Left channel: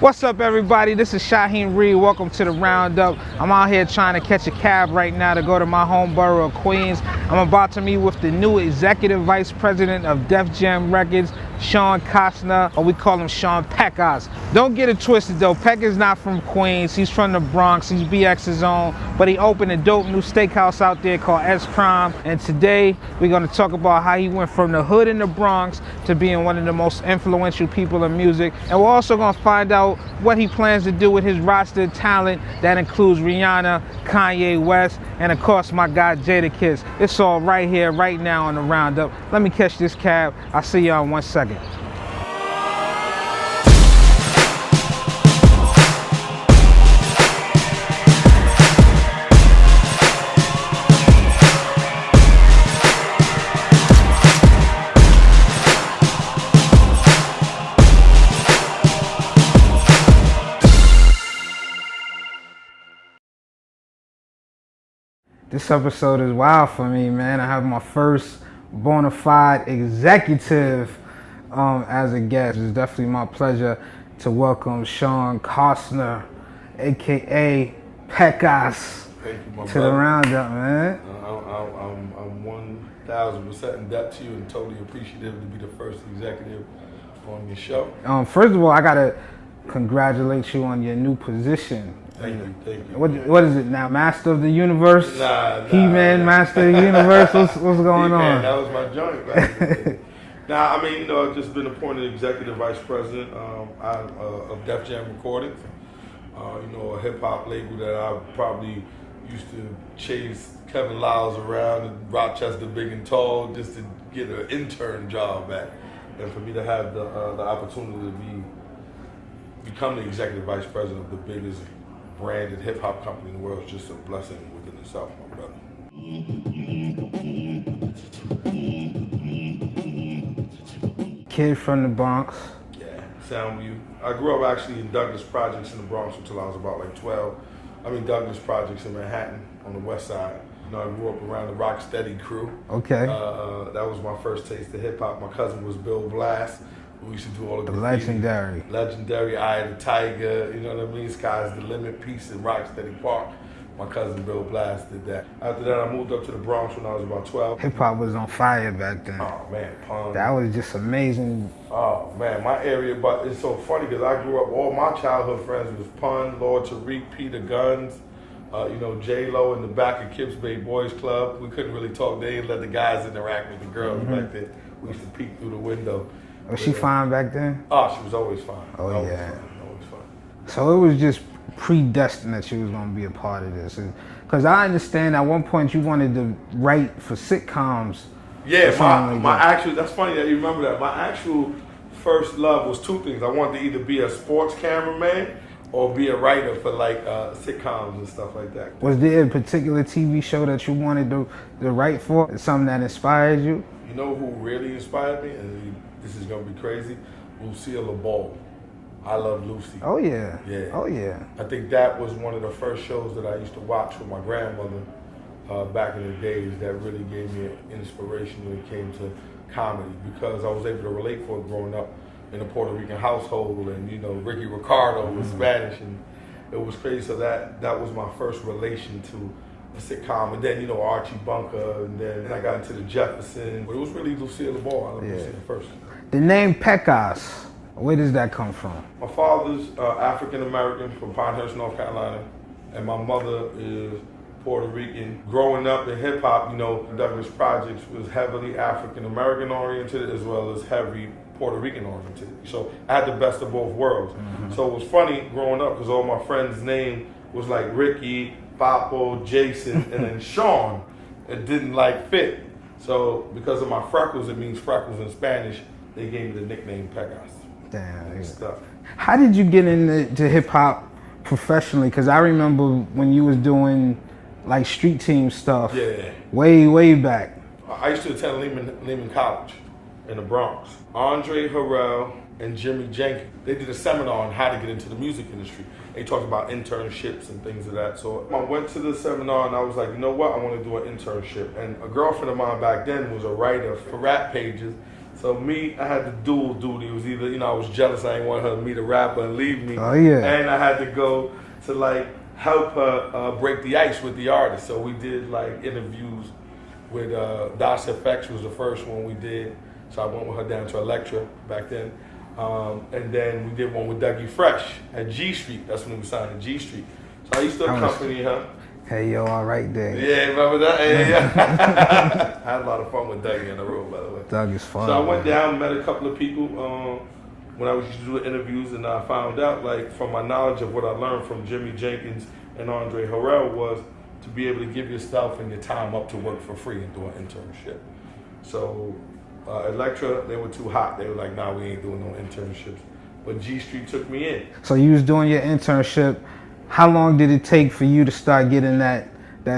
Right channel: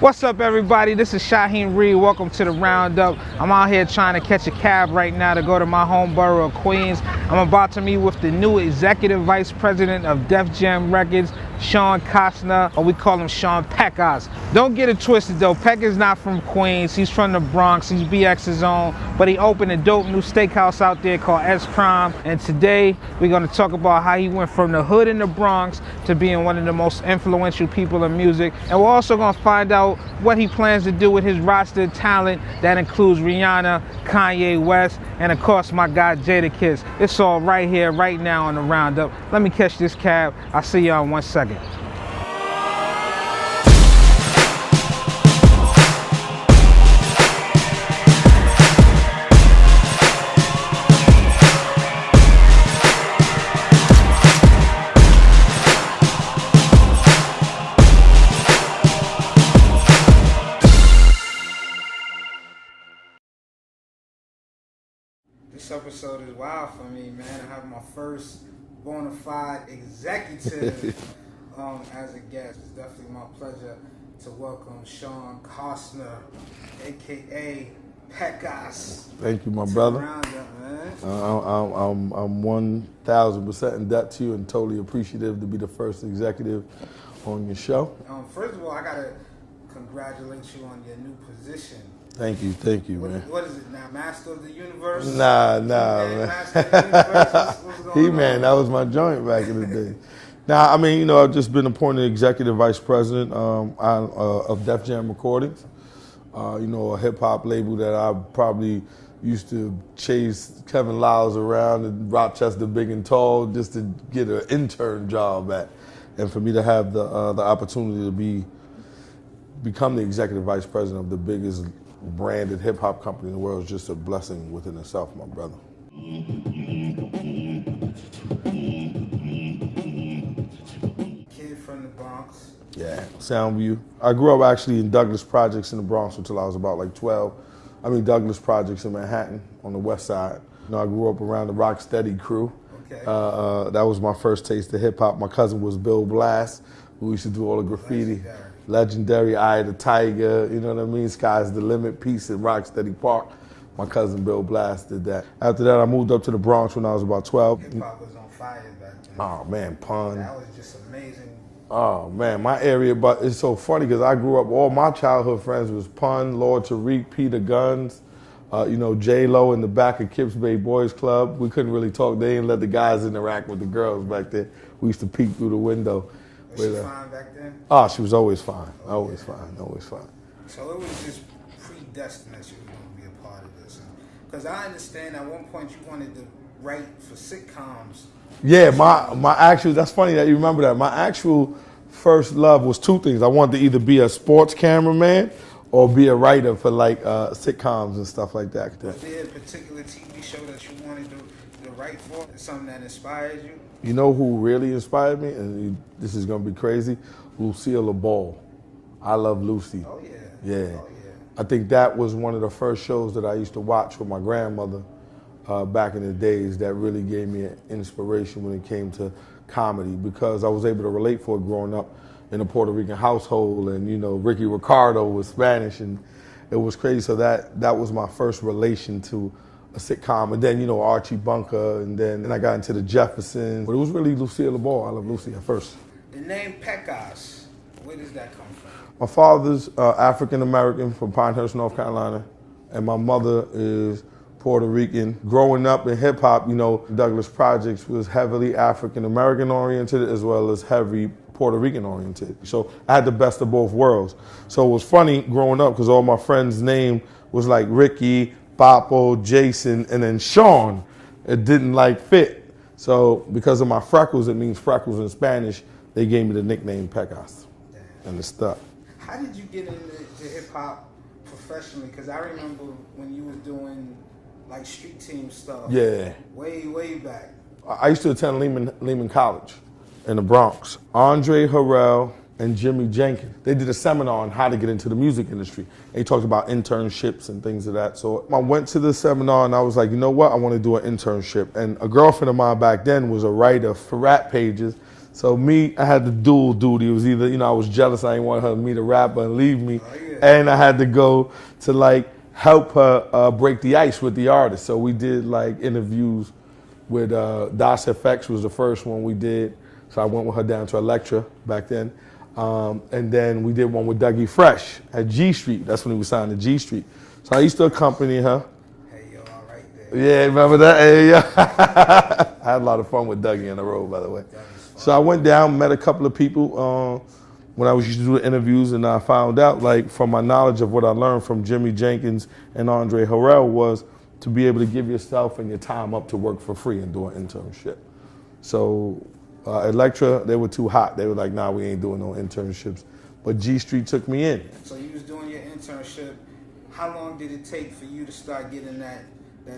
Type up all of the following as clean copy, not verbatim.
What's up, everybody? This is Shaheem Reid. Welcome to the Roundup. I'm out here trying to catch a cab right now to go to my home borough of Queens. I'm about to meet with the new executive vice president of Def Jam Records, Shawn Costner, or we call him Shawn Pecas. Don't get it twisted though, Peck is not from Queens, he's from the Bronx, he's BX's own, but he opened a dope new steakhouse out there called S Prime, and today we're gonna talk about how he went from the hood in the Bronx to being one of the most influential people in music, and we're also gonna find out what he plans to do with his roster of talent that includes Rihanna, Kanye West, and of course my guy Jadakiss. It's all right here, right now on the Roundup. Let me catch this cab. I'll see y'all in 1 second. This episode is wild for me, man. I have my first bona fide executive as a guest. It's definitely my pleasure to welcome Shawn Costner, aka Pecas. Thank you, my to brother. The Roundup, man. I'm 1,000% in debt to you and totally appreciative to be the first executive on your show. First of all, I gotta congratulate you on your new position. Thank you. What is it now? Master of the Universe? Nah. He-Man, Master of the Universe? What's going on? He-Man, that was my joint back in the day. Now, I mean, I've just been appointed executive vice president of Def Jam Recordings. A hip hop label that I probably used to chase Kevin Lyles around in Rochester big and tall just to get an intern job at. And for me to have the opportunity to become the executive vice president of the biggest branded hip hop company in the world is just a blessing within itself, my brother. Kid from the Bronx. Yeah, Soundview. I grew up actually in Douglas Projects in the Bronx until I was about like 12. Douglas Projects in Manhattan on the west side. I grew up around the Rocksteady crew. Okay. That was my first taste of hip hop. My cousin was Bill Blass, who used to do all the graffiti. Legendary Eye of the Tiger, you know what I mean? Sky's the Limit piece in Rocksteady Park. My cousin Bill Blass did that. After that, I moved up to the Bronx when I was about 12. Hip hop was on fire back then. Oh man, Pun. That was just amazing. Oh man, my area, but it's so funny because I grew up, all my childhood friends was Pun, Lord Tariq, Peter Guns, J-Lo in the back of Kips Bay Boys Club. We couldn't really talk. They didn't let the guys interact with the girls back there. We used to peek through the window. Was she fine back then? Oh, she was always fine. Always fine. So it was just predestined that she was going to be a part of this. Because I understand at one point you wanted to write for sitcoms. Yeah, that's funny that you remember that. My actual first love was two things. I wanted to either be a sports cameraman or be a writer for like sitcoms and stuff like that. Was there a particular TV show that you wanted to write for? Something that inspired you? You know who really inspired me? And this is gonna be crazy. Lucille LaBelle. I love Lucy. Oh yeah. Yeah. Oh yeah. I think that was one of the first shows that I used to watch with my grandmother back in the days that really gave me an inspiration when it came to comedy, because I was able to relate for it growing up in a Puerto Rican household, and Ricky Ricardo was Spanish, and it was crazy. So that was my first relation to a sitcom, and then Archie Bunker, and then I got into the Jeffersons. But it was really Lucille LaBelle. I love Lucy at first. The name Pecas, where does that come from? My father's African American from Pinehurst, North Carolina, and my mother is Puerto Rican. Growing up in hip hop, Douglas Projects was heavily African American oriented as well as heavy Puerto Rican oriented. So I had the best of both worlds. So it was funny growing up because all my friends' name was like Ricky, Papo, Jason, and then Shawn. It didn't fit. So because of my freckles, it means freckles in Spanish, they gave me the nickname Pecas. Damn. And it's stuck. How did you get into hip hop professionally? Because I remember when you was doing like street team stuff. Yeah. Way back. I used to attend Lehman College in the Bronx. Andre Harrell and Jimmy Jenkins, they did a seminar on how to get into the music industry. They talked about internships and things of that. So I went to the seminar and I was like, you know what? I want to do an internship. And a girlfriend of mine back then was a writer for rap pages. So me, I had the dual duty. It was either, I was jealous I didn't want her to meet a rapper and leave me. Oh, yeah. And I had to go to like help her break the ice with the artist. So we did like interviews with Das FX was the first one we did. So I went with her down to Elektra back then. And then we did one with Dougie Fresh at G Street. That's when he was signed to G Street. So I used to accompany her. Hey, yo, all right there. Yeah, remember that? Hey, yeah. I had a lot of fun with Dougie on the road, by the way. Doug is fun. So I went down, met a couple of people when I was used to do the interviews, and I found out, like, from my knowledge of what I learned from Jimmy Jenkins and Andre Harrell was to be able to give yourself and your time up to work for free and do an internship. So Elektra, they were too hot. They were like, nah, we ain't doing no internships. But G Street took me in. So you was doing your internship. How long did it take for you to start getting that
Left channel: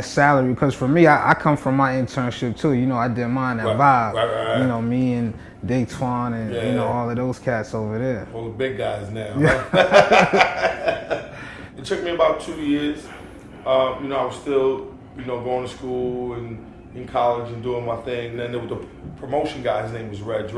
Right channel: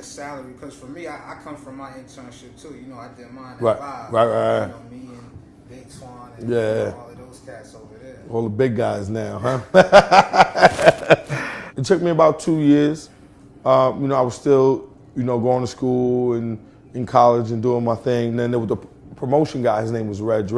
salary? Because for me, I come from my internship too. I did mine at Vibe. Right. Me and Dake Twan and all of those cats over there. All the big guys now. Huh? It took me about 2 years. I was still, going to school and in college and doing my thing. And then there was the promotion guy. His name was Reg.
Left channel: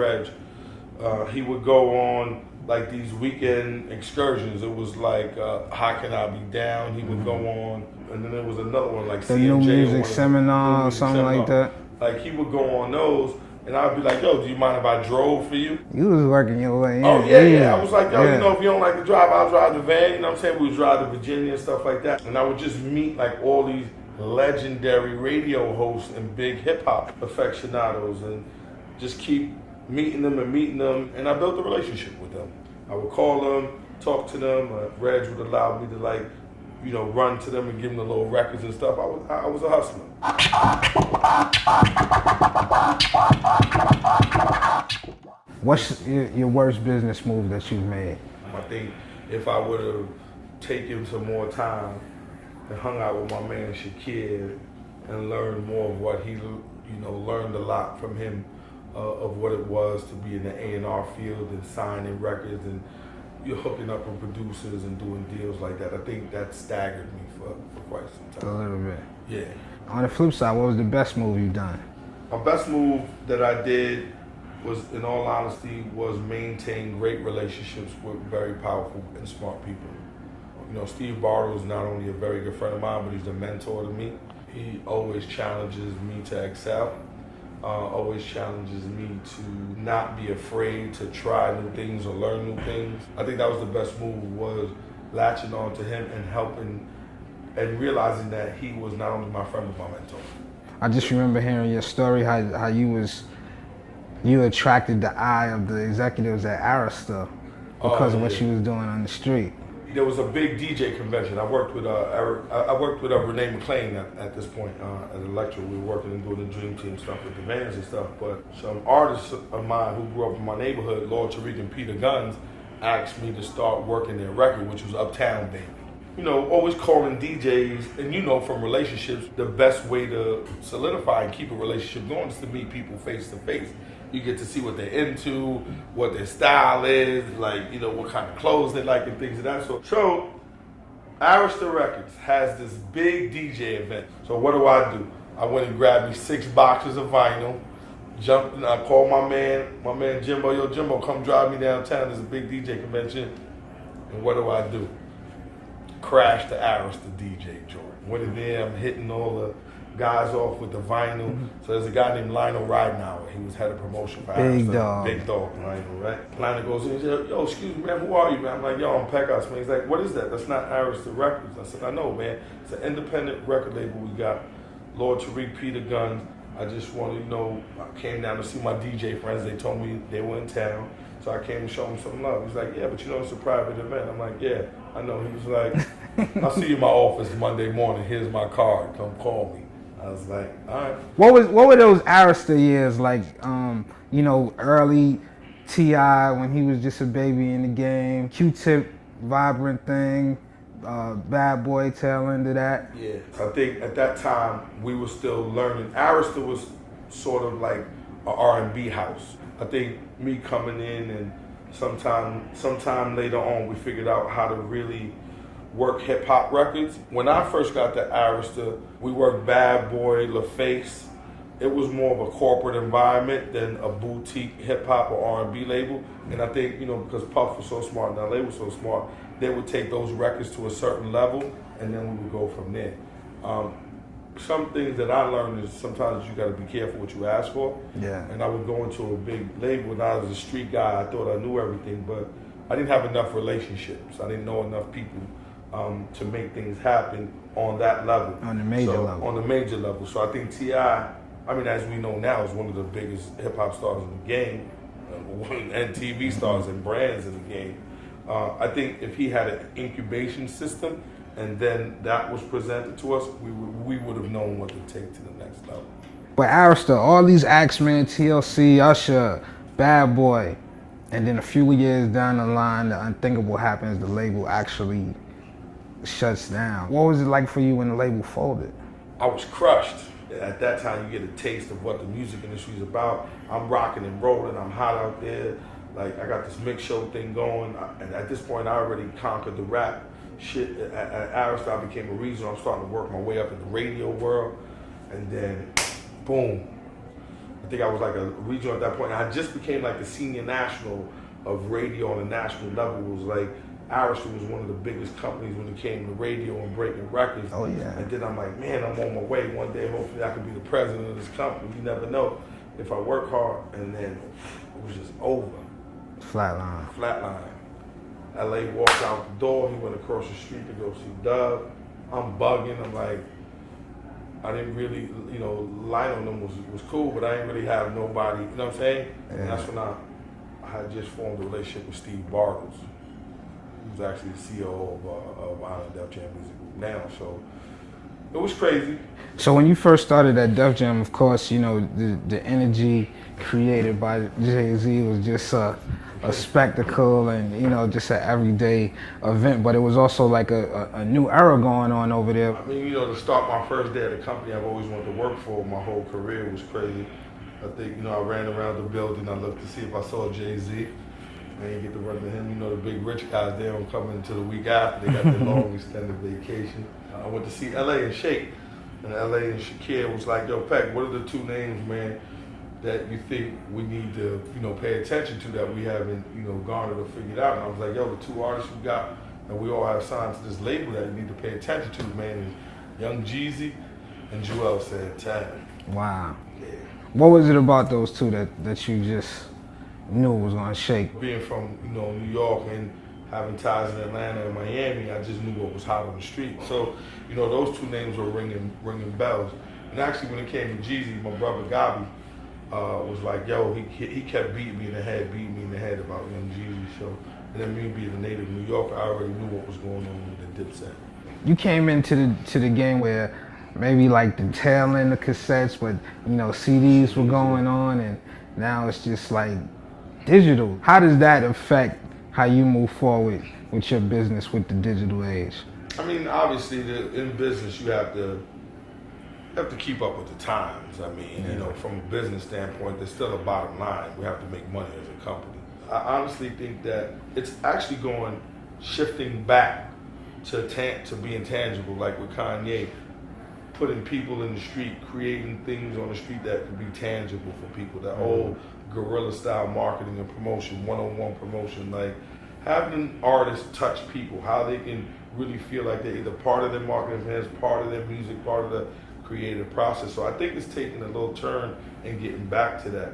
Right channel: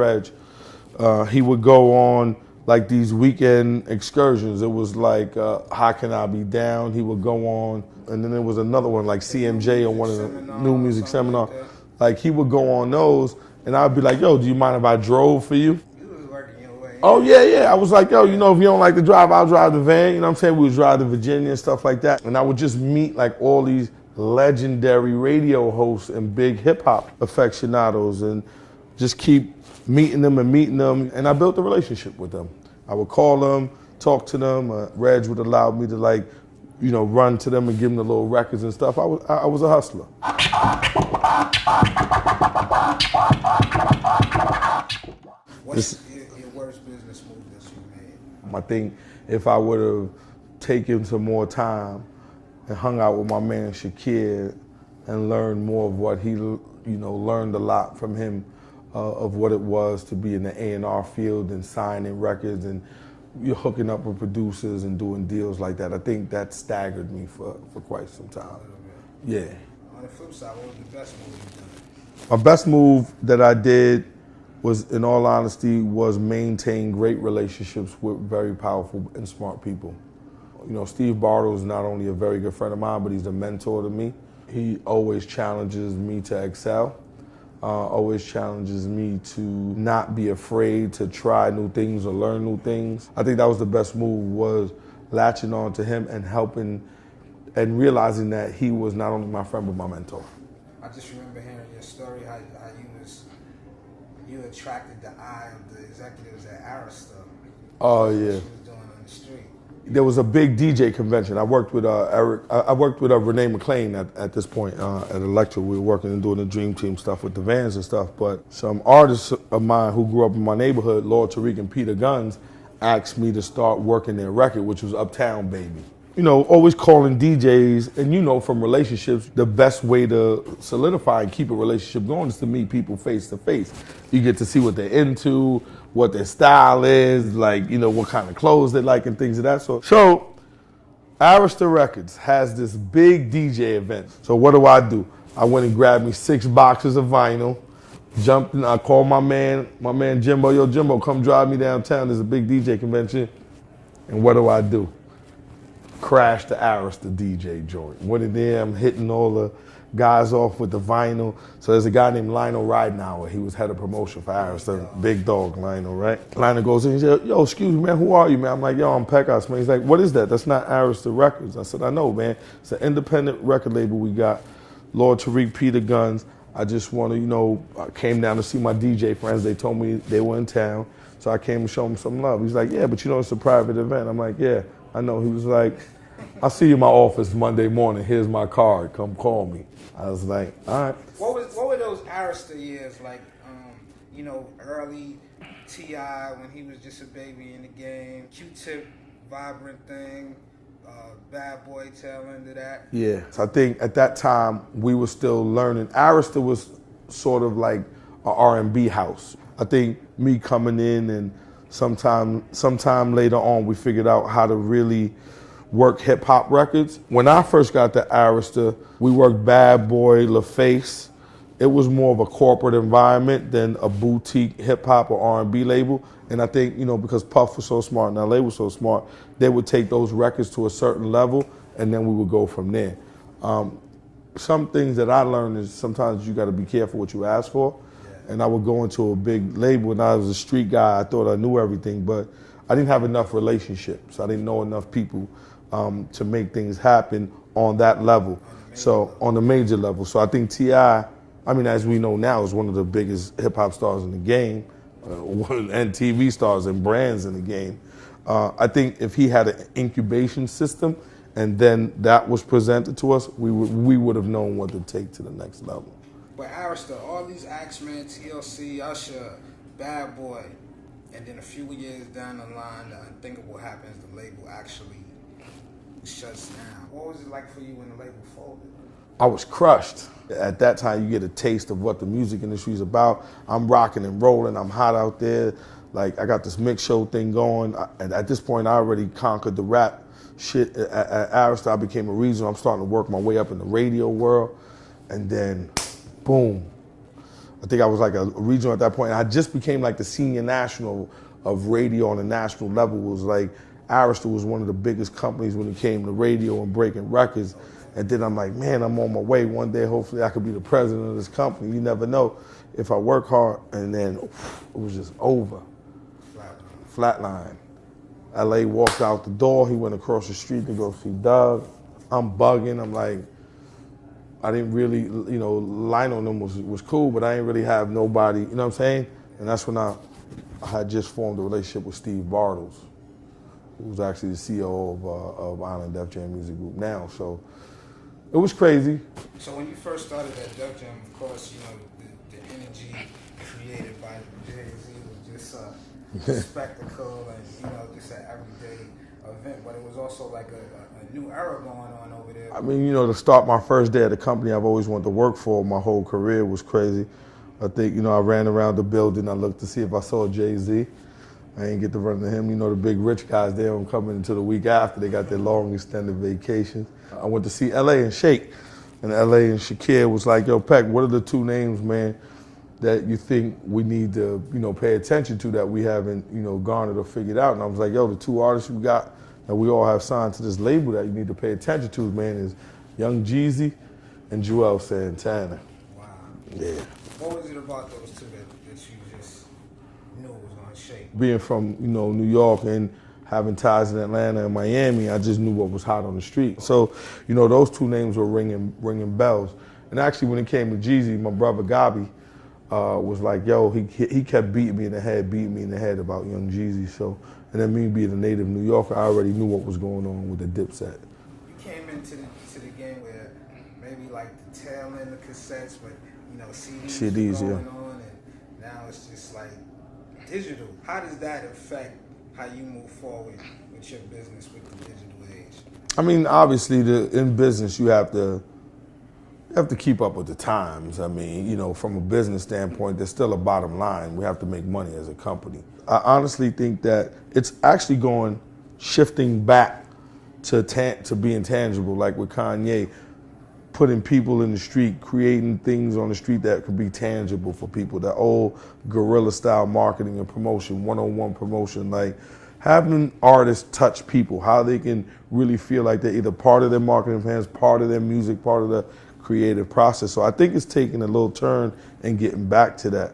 He would go on like these weekend excursions. It was like How Can I Be Down? He would go on, and then there was another one like the CMJ New Music Seminar, New Music something Seminar. like that. Like he would go on those, and I'd be like, "Yo, do you mind if I drove for you?" You was working your way in. Oh yeah. I was like, "Yo, Yeah. if you don't like to drive, I'll drive the van." You know what I'm saying? We would drive to Virginia and stuff like that, and I would just meet like all these legendary radio hosts and big hip hop aficionados, and just keep meeting them, and I built a relationship with them. I would call them, talk to them. Reg would allow me to run to them and give them the little records and stuff. I was a hustler. What's your worst business move that you've made? I think if I would have taken some more time and hung out with my man Shakir and learned more of what he, learned a lot from him of what it was to be in the A&R field and signing records and you're hooking up with producers and doing deals like that. I think that staggered me for quite some time. A little bit. Yeah. On the flip side, what was the best move you've done? My best move that I did was, in all honesty, was maintain great relationships with very powerful and smart people. Steve Bartle is not only a very good friend of mine, but he's a mentor to me. He always challenges me to excel. Always challenges me to not be afraid to try new things or learn new things. I think that was the best move, was latching on to him and helping and realizing that he was not only my friend but my mentor. I just remember hearing your story, how you attracted the eye of the executives at Arista because of what she was doing on the street. There was a big DJ convention. I worked with Eric. I worked with Renee McLean at this point at Elektra. We were working and doing the Dream Team stuff with the vans and stuff. But some artists of mine who grew up in my neighborhood, Lord Tariq and Peter Guns, asked me to start working their record, which was Uptown Baby. Always calling DJs, and from relationships, the best way to solidify and keep a relationship going is to meet people face to face. You get to see what they're into, what their style is, what kind of clothes they like and things of that sort. So, Arista Records has this big DJ event. So what do? I went and grabbed me 6 boxes of vinyl, jumped in, I called my man Jimbo, yo Jimbo, come drive me downtown, there's a big DJ convention. And what do? Crash the Arista DJ joint. Went in there, I'm hitting all the guys off with the vinyl. So there's a guy named Lionel Ridenauer. He was head of promotion for Arista. Big dog, Lionel, right? Lionel goes in and he said, yo, excuse me, man, who are you, man? I'm like, yo, I'm Pecas, man. He's like, what is that? That's not Arista Records. I said, I know, man. It's an independent record label we got. Lord Tariq, Peter Guns. I just want to, I came down to see my DJ friends. They told me they were in town. So I came to show them some love. He's like, yeah, but it's a private event. I'm like, yeah, I know. He was like, I'll see you in my office Monday morning. Here's my card. Come call me. I was like, all right. What were those Arista years like? Early T.I. when he was just a baby in the game. Q-Tip, Vibrant Thing, Bad Boy, tail end of that. Yeah. So I think at that time we were still learning. Arista was sort of like an R&B house. I think me coming in and sometime later on we figured out how to really work hip hop records. When I first got to Arista, we worked Bad Boy, LaFace, it was more of a corporate environment than a boutique hip hop or R&B label. And I think, you know, because Puff was so smart and LA was so smart, they would take those records to a certain level and then we would go from there. Some things that I learned is sometimes you got to be careful what you ask for. Yeah. And I would go into a big label and I was a street guy. I thought I knew everything, but I didn't have enough relationships. I didn't know enough people to make things happen on that level. On the major level. On the major level. So I think T.I., I mean, as we know now, is one of the biggest hip hop stars in the game, and TV stars and brands in the game. I think if he had an incubation system, and then that was presented to us, we would have known what to take to the next level. But Arista, all these acts, man, TLC, Usher, Bad Boy, and then a few years down the line, the unthinkable happens, the label actually shuts down. What was it like for you when the label folded? I was crushed. At that time, you get a taste of what the music industry is about. I'm rocking and rolling, I'm hot out there. Like, I got this mix show thing going. And at this point, I already conquered the rap shit. At Arista, I became a regional. I'm starting to work my way up in the radio world. And then, boom. I think I was like a regional at that point. I just became like the senior national of radio on a national level. It was like, Arista was one of the biggest companies when it came to radio and breaking records. Oh, yeah. And then I'm like, man, I'm on my way. One day, hopefully, I could be the president of this company. You never know if I work hard. And then it was just over. Flatline. LA walked out the door. He went across the street to go see Doug. I'm bugging. I'm like, I didn't really, you know, Lionel and them was cool, but I didn't really have nobody, you know what I'm saying? Yeah. And that's when I had just formed a relationship with Steve Bartles, who's actually the CEO of Island Def Jam Music Group now. So it was crazy. So when you first started at Def Jam, of course, you know, the energy created by Jay Z was just a spectacle and, you know, just an everyday event. But it was also like a new era going on over there. I mean, you know, to start my first day at the company I've always wanted to work for my whole career was crazy. I think, you know, I ran around the building. I looked to see if I saw Jay Z. I didn't get to run to him. You know, the big rich guys there were coming until the week after. They got their long extended vacation. I went to see LA and Shake. And LA and Shakir was like, yo, Peck, what are the two names, man, that you think we need to, you know, pay attention to that we haven't, you know, garnered or figured out? And I was like, yo, the two artists you got that we all have signed to this label that you need to pay attention to, man, is Young Jeezy and Joel Santana. Wow. Yeah. What was it about those two that you just knew was gonna shake? Being from, you know, New York and having ties in Atlanta and Miami, I just knew what was hot on the street. So, you know, those two names were ringing bells. And actually, when it came to Jeezy, my brother Gabi was like, yo, he kept beating me in the head about Young Jeezy. So, and then me being a native New Yorker, I already knew what was going on with the Dipset. You came into the game where maybe like the tail end of cassettes, but, you know, CDs were going on, and now it's just like digital. How does that affect how you move forward with your business with the digital age? I mean, obviously, in business, you have to keep up with the times. I mean, you know, from a business standpoint, there's still a bottom line. We have to make money as a company. I honestly think that it's actually shifting back to being tangible, like with Kanye, putting people in the street, creating things on the street that could be tangible for people. That old guerrilla style marketing and promotion, one-on-one promotion, like having artists touch people, how they can really feel like they're either part of their marketing plans, part of their music, part of the creative process. So I think it's taking a little turn and getting back to that.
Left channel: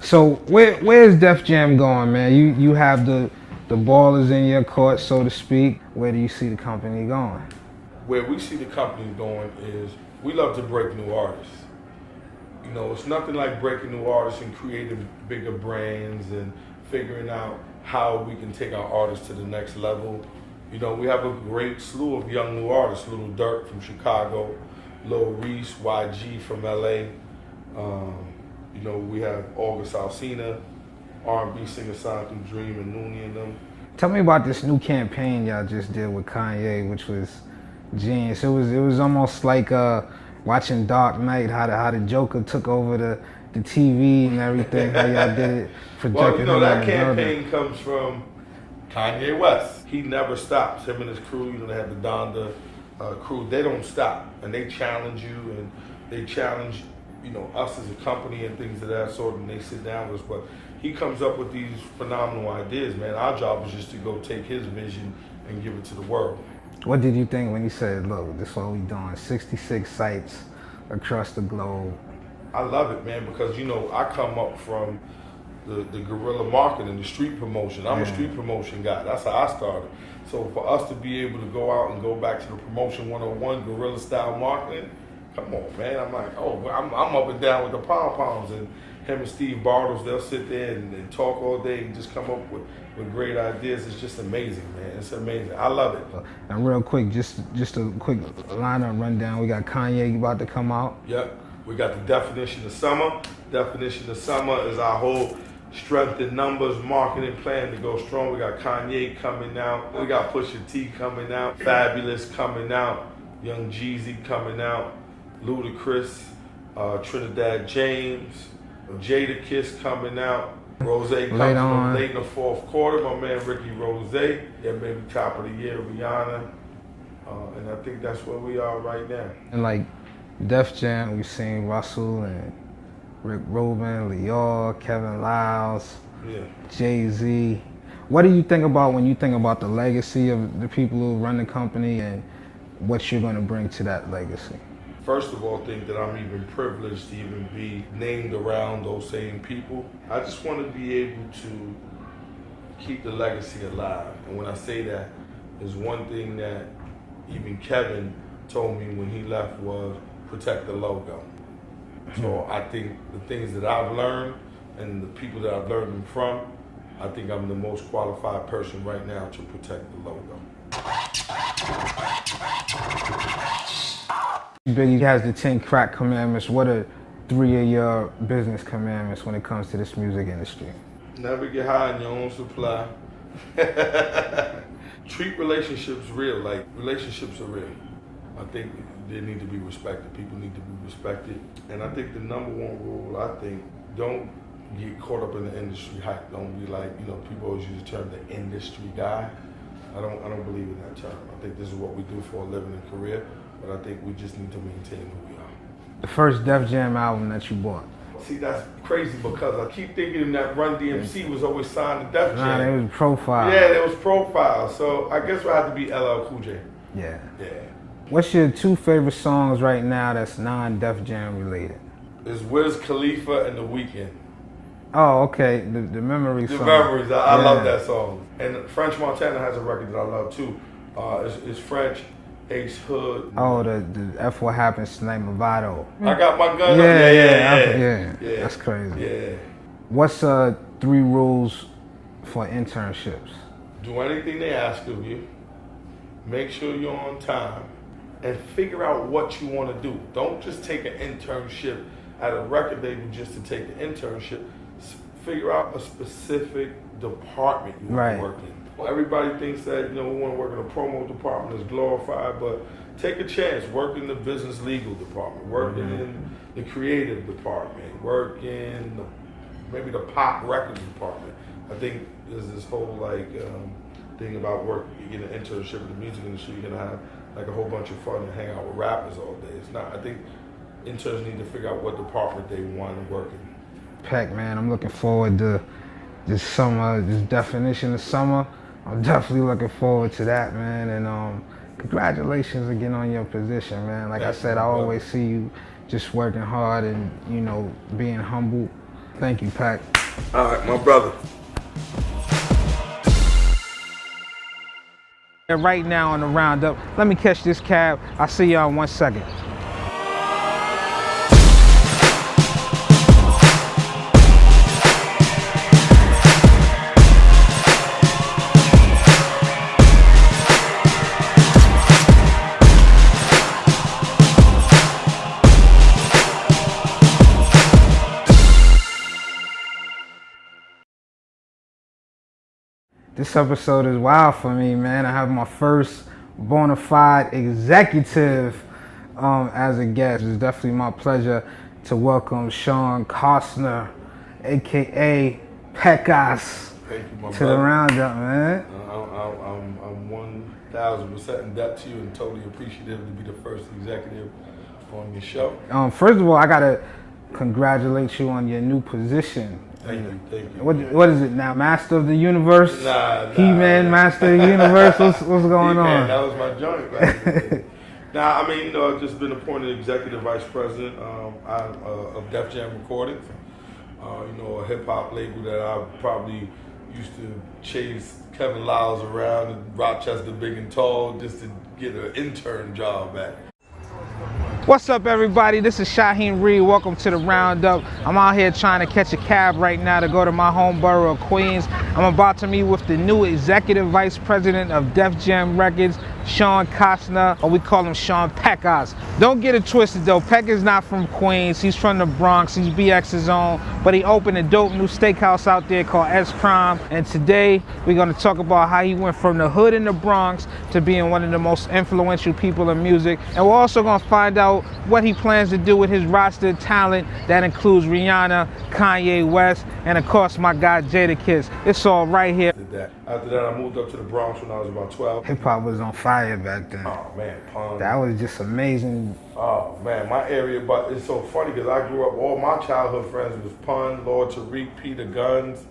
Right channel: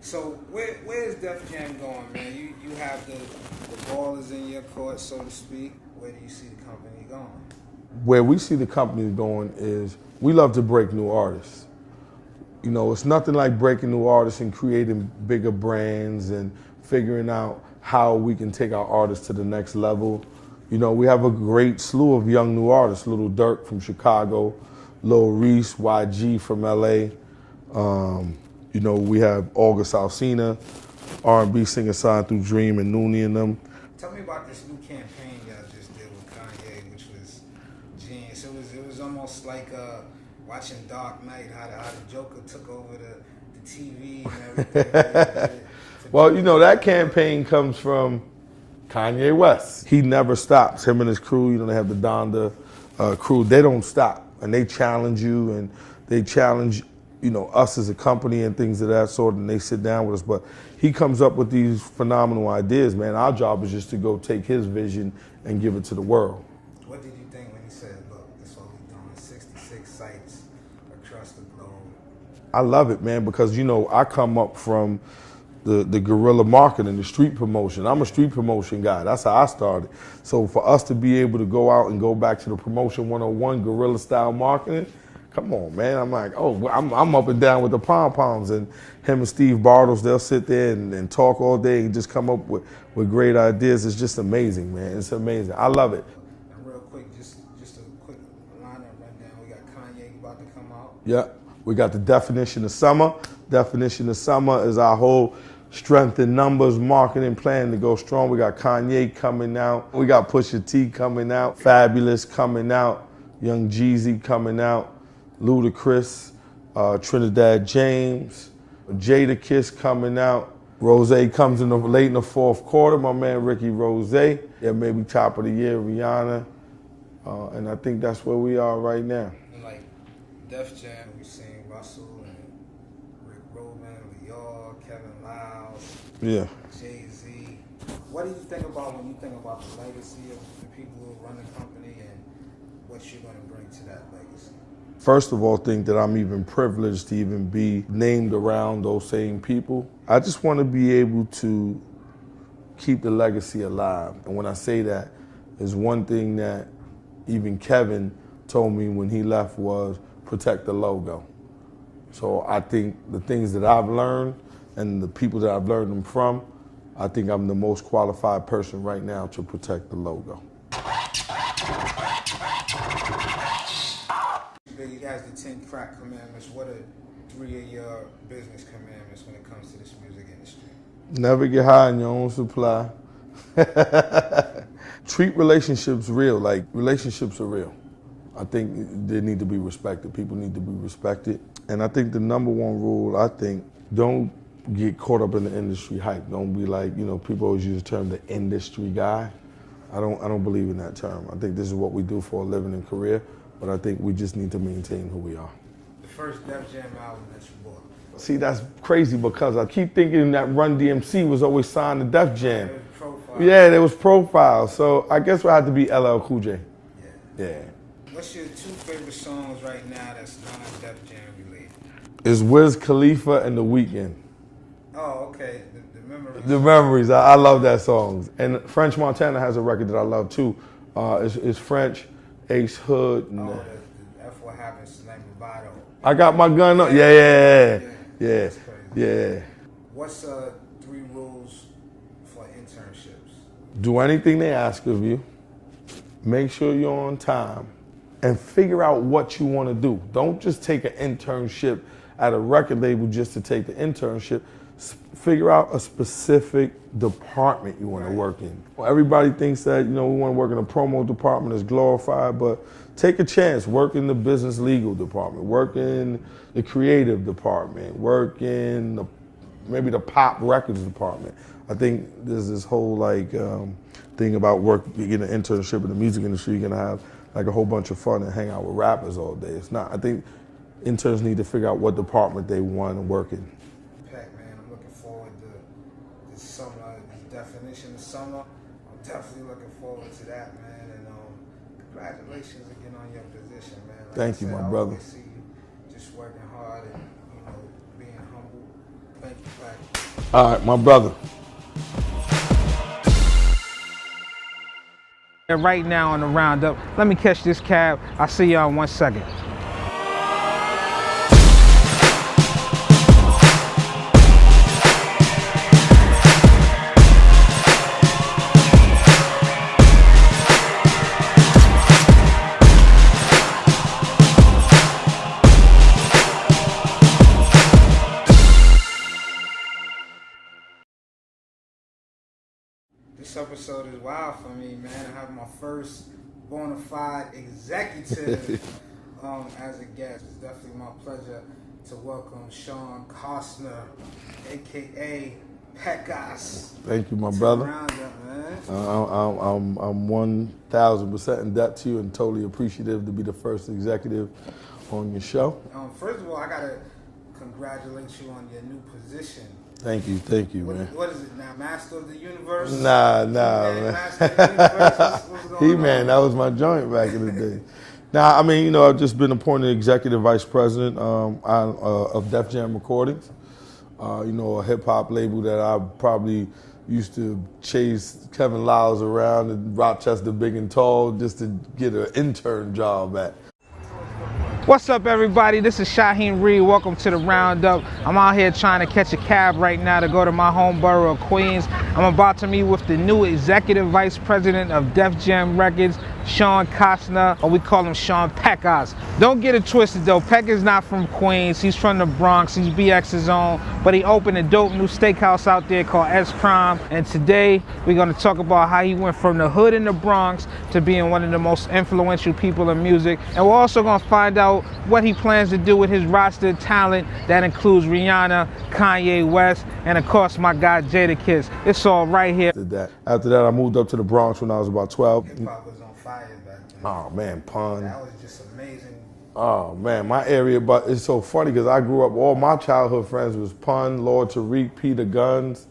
So where's Def Jam going, man? You have the ball is in your court, so to speak. Where do you see the company going? Where we see the company going is we love to break new artists. You know, it's nothing like breaking new artists and creating bigger brands and figuring out how we can take our artists to the next level. You know, we have a great slew of young new artists. Lil Durk from Chicago, Lil Reese, YG from LA. You know, we have August Alsina, R&B singer signed through Dream and Noonie and them. Tell me about this new campaign y'all just did with Kanye, which was genius. It was almost like watching Dark Knight, how the Joker took over the TV and everything, how y'all did it. Well, you know, that campaign comes from Kanye West. He never stops. Him and his crew, you know, they have the Donda crew. They don't stop, and they challenge you, and they challenge, you know, us as a company and things of that sort, and they sit down with us. But he comes up with these phenomenal ideas, man. Our job is just to go take his vision and give it to the world. What did you think when you said, look, this is what we doing, 66 sites across the globe? I love it, man, because, you know, I come up from the guerrilla marketing, the street promotion. I'm a street promotion guy. That's how I started. So for us to be able to go out and go back to the promotion 101, guerrilla style marketing, come on, man. I'm like, oh, I'm up and down with the pom-poms, and him and Steve Bartles, they'll sit there and talk all day and just come up with great ideas. It's just amazing, man. It's amazing. I love it. And real quick, just a quick lineup rundown. We got Kanye about to come out. Yep. We got the Definition of Summer. Definition of Summer is our whole strength in numbers marketing plan to go strong. We got Kanye coming out. We got Pusha T coming out. Fabulous coming out. Young Jeezy coming out. Ludacris. Trinidad James. Jada Kiss coming out. Rose comes in late in the fourth quarter. My man Ricky Rose. Yeah, maybe top of the year, Rihanna. And I think that's where we are right now. And like Def Jam, we've seen Russell and Rick Rubin, Lior, Kevin Lyles, JAY Z. What do you think about when you think about the legacy of the people who run the company and what you're going to bring to that legacy? First of all, think that I'm even privileged to even be named around those same people. I just want to be able to keep the legacy alive. And when I say that, there's one thing that even Kevin told me when he left was protect the logo. So I think the things that I've learned and the people that I've learned them from, I think I'm the most qualified person right now to protect the logo. Biggie has the 10 crack commandments. What are 3 of your business commandments when it comes to this music industry? Never get high in your own supply. Treat relationships real, like relationships are real. I think they need to be respected. People need to be respected. And I think the number one rule, I think, don't get caught up in the industry hype. Don't be like, you know, people always use the term the industry guy. I don't believe in that term. I think this is what we do for a living and career, but I think we just need to maintain who we are. The first Def Jam album that you bought? See, that's crazy because I keep thinking that Run DMC was always signed to Def Jam. Nah, it was Profile. Yeah, there was Profile. So I guess I had to be LL Cool J. Yeah. Yeah. What's your 2 favorite songs right now that's non-Def Jam related? It's Wiz Khalifa and The Weeknd. Oh, okay. The Memories. The Memories. I love that song. And French Montana has a record that I love too. It's French, Ace Hood. Oh, the F What Happens Tonight, Movado. I got my gun up. Yeah. Yeah. That's crazy. Yeah. What's 3 rules for internships? Do anything they ask of you. Make sure you're on time. And figure out what you want to do. Don't just take an internship at a record label just to take the internship. Figure out a specific department you want to work in. Well, everybody thinks that, you know, we want to work in a promo department that's glorified, but take a chance. Work in the business legal department. Work in the creative department. Work in maybe the pop records department. I think there's this whole thing about work. You get an internship in the music industry, you're gonna have like a whole bunch of fun and hang out with rappers all day. It's not. I think interns need to figure out what department they want to work in. Peck, man, I'm looking forward to this summer, this definition of summer. I'm definitely looking forward to that, man. And congratulations again on your position, man. Like I said, I always see you just working hard and, you know, being humble. Thank you, Peck. All right, my brother. And right now on the roundup, let me catch this cab. I'll see y'all in 1 second. This episode is wild for me, man. I have my first bona fide executive as a guest. It's definitely my pleasure to welcome Shawn Costner, AKA Pecas Thank you, my to brother. the roundup, man. I'm 1,000% in debt to you and totally appreciative to be the first executive on your show. First of all, I gotta congratulate you on your new position. Thank you. What is it now? Master of the Universe? Nah. He-Man, Master of the Universe? What's going He-Man, on? that was my joint back in the day. Nah, I mean, you know, I've just been appointed executive vice president of Def Jam Recordings. You know, a hip hop label that I probably used to chase Kevin Lyles around in Rochester big and tall just to get an intern job at. What's up, everybody? This is Shaheem Reid. Welcome to the roundup. I'm out here trying to catch a cab right now to go to my home borough of Queens. I'm about to meet with the new executive vice president of Def Jam Records, Shawn Costner, or we call him Shawn Pecas. Don't get it twisted though, Peck is not from Queens, he's from the Bronx, he's BX's own, but he opened a dope new steakhouse out there called S Prime, and today we're gonna talk about how he went from the hood in the Bronx to being one of the most influential people in music, and we're also gonna find out what he plans to do with his roster of talent that includes Rihanna, Kanye West, and of course my guy Jadakiss. It's all right here. After that, I moved up to the Bronx when I was about 12. Hip hop was on fire back then. Oh man, Pun. That was just amazing. Oh man, my area, but it's so funny because I grew up, all my childhood friends was Pun, Lord Tariq, Peter Guns,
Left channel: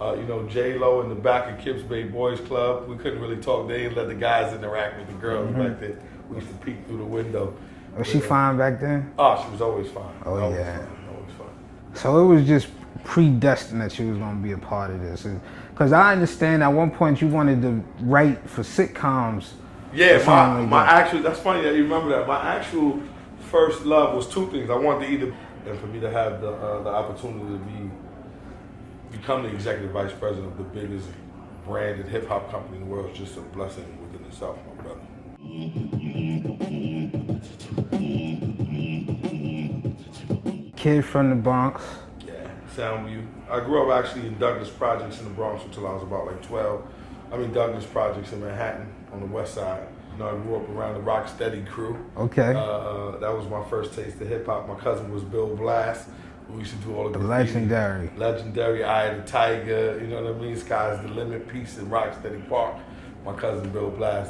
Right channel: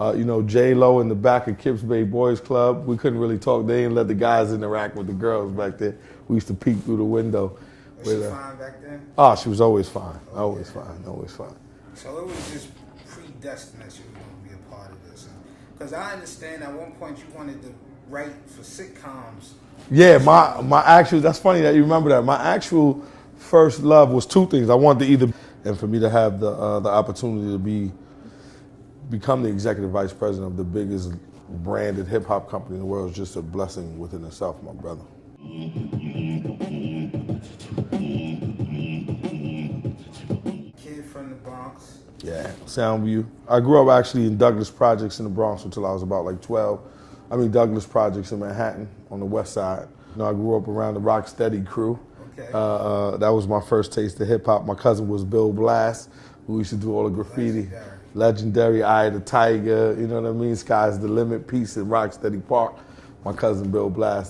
you know, J-Lo in the back of Kips Bay Boys Club. We couldn't really talk. They didn't let the guys interact with the girls back then. We used to peek through the window. Was she fine back then? Oh, she was always fine. Always fine. So it was just predestined that she was going to be a part of this. Because I understand at one point you wanted to write for sitcoms. Yeah, my actual, that's funny that you remember that. My actual first love was two things. I wanted to either, and for me to have the opportunity to become the executive vice president of the biggest branded hip hop company in the world is just a blessing within itself, my brother. Kid from the Bronx. Yeah, Soundview. I grew up actually in Douglas Projects in the Bronx until I was about like 12. I mean Douglas Projects in Manhattan on the west side. You know, I grew up around the Rocksteady crew. Okay. That was my first taste of hip hop. My cousin was Bill Blass, who used to do all the graffiti. Legendary Eye of the Tiger, you know what I mean? Sky's the Limit piece in Rocksteady Park. My cousin Bill Blass.